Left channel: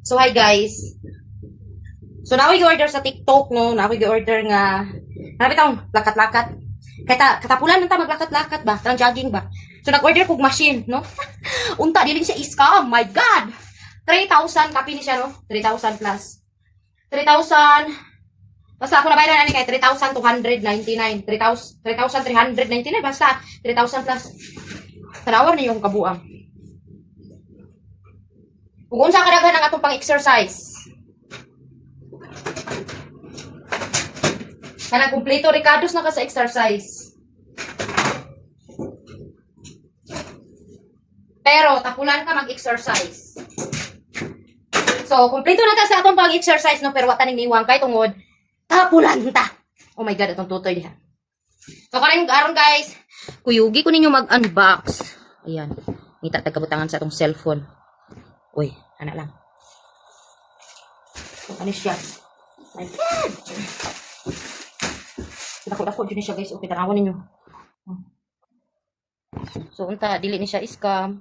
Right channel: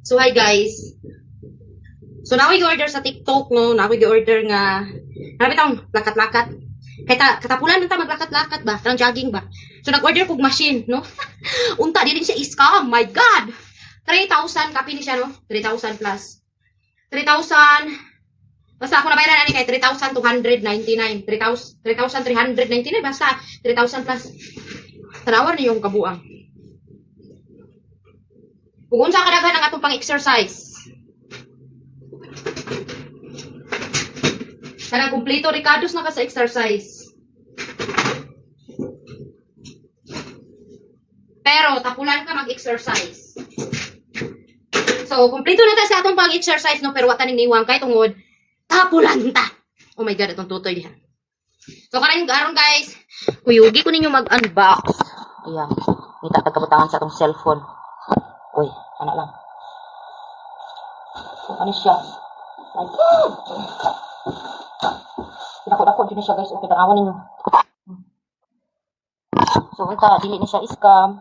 So, hi guys. So, na ako order sa TikTok, no? Na ako order nga, nabi tayong lakat-lakat. Katapulan nang ta maglakat-lakat ba? Tarang jogging ba? So, nag-order kog machine, no? Unta, din siya scam. My God! 3,000, kapi ni siya, no? 3,000 plus. 3,000, basta ako nabayaran ani kay 3,299. 3,399, basta 3,000 plus. Tanawar na yung kabuang. Kung unsa kadaghan ang atong pang-exercise. Kanang kumpleto Ricardo's na ka sa exercise. Pero tapulan ka mag-exercise. So, kumpleto na ta sa atong pang-exercise no, pero wa ta ning niwang kay tungod tapulan ta. Oh my god, atong tutoy diha. So, karon guys, kuyugi ko ninyo mag-unbox. Ayan. Kita tagkabutangan sa atong cellphone. Uy, anak lang. Ano siya? My God! Dako-dako dyan siya guys. Okay, tanawan ninyo. So, unta, dili ni siya scam.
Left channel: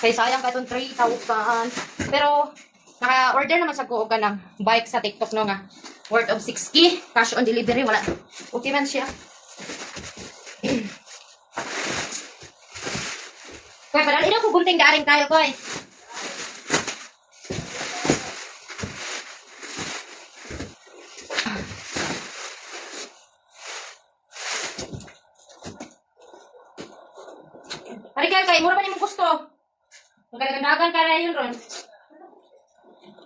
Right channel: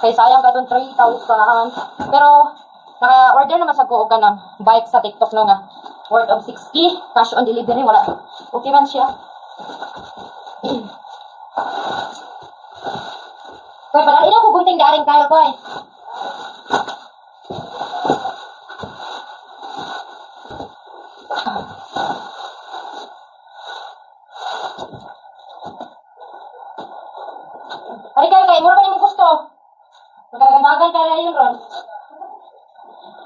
Kaya sayang ka itong 3,000. Pero, naka-order naman sa ko ka ng bike sa TikTok no nga. Worth of 60. Cash on delivery. Wala. Okay man siya. Kaya padalin ako gunting daring kayo ko eh. Hari kayo kay, mura pa niyo mong gusto. Magkagandagan ka na yun ron.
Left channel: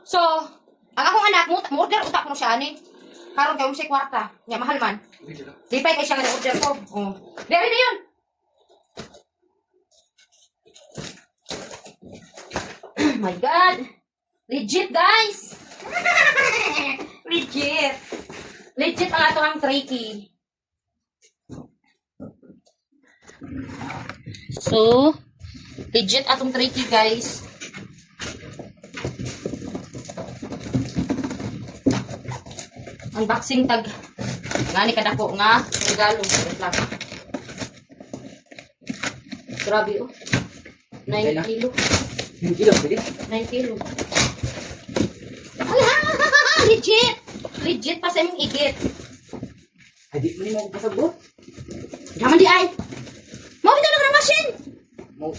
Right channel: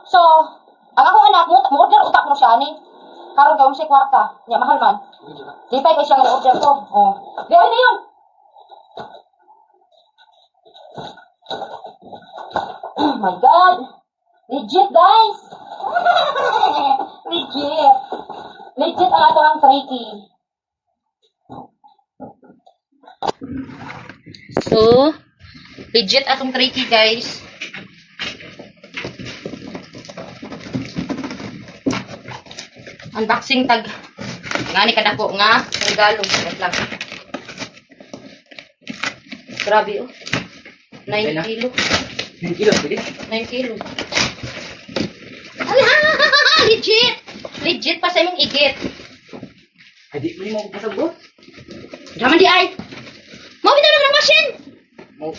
So, ang akong anak, mo-order utak mo siya ani. Karon kayo mo siya kwarta. Nga, mahal man. Di pa kayo siya nga order ko. Oh. Di na yun. Oh my God. Legit, guys. Legit. Legit ang ato ang tricky. So, legit atong tricky, guys. Unboxing tag. Nga ni kadako nga regalo. Wait lang. Grabe oh. 9 kilo. 9 kilo, pwede? 9 kilo. Hala! Legit! Legit pa sa imong igit. Ay, di mo pasagot. Daman di ay. Mawin na lang ng machine.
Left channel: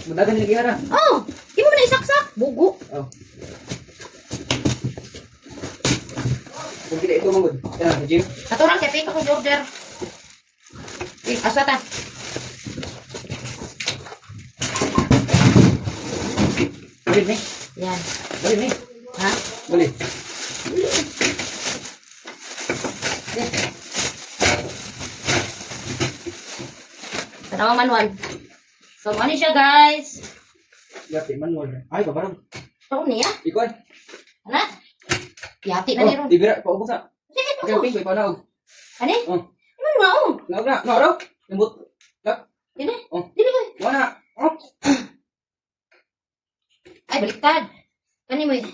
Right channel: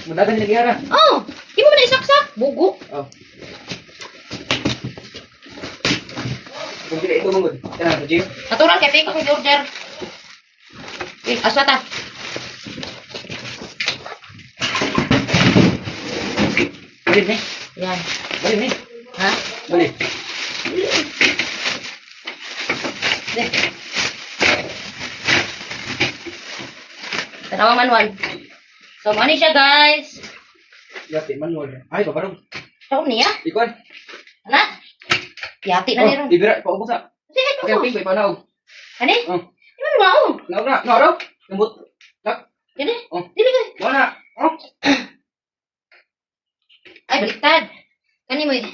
Madagan nila gihara. Oh! Di mo na isaksak. Bugo. Oh. Kung pila ito mangod. Yan, sa gym. Natural kay pink akong order. Aswata. Balik ni. Yan. Balik ni. Ha? Balik. Tanawa manual. So, mani siya, guys. Yati, manual. Ay, babarong. Taon niya? Ikuan. Anak? Yati na Oh, niro. ibira, paubos na. Sige, Kaya po. ping, may panaog. Ani? Oh. Di mo na ako. Naog na, naaraw. Lambot. Tak. Yan eh. Oh. Dili ka. Wala. Oh. Ay, baliktad. Kani mo eh.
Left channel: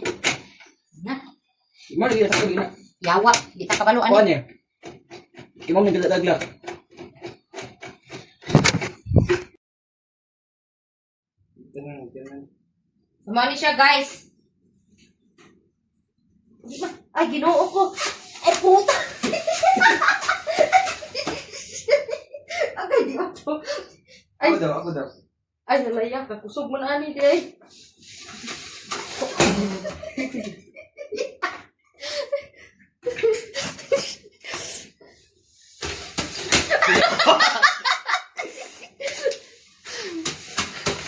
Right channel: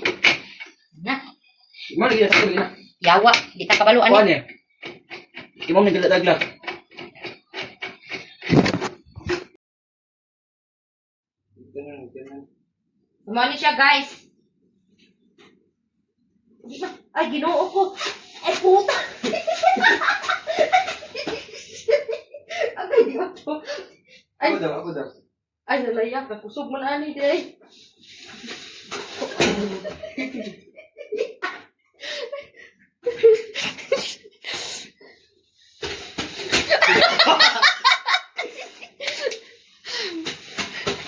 Na. Mo lagi sa kulit na. Yawa. Di ta kabalo. Kuan Ani? eh. Imong ni daglag. Mani siya, guys. Di ba? Ay, ginoo ko. Ay, puta. Agay, di ba to? Ay, Ako daw. ay, nalayak. Kusog mo na, ani, di ay.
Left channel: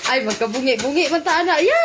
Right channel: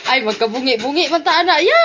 Ay, magkabungi-bungi man ta, anak. Ya!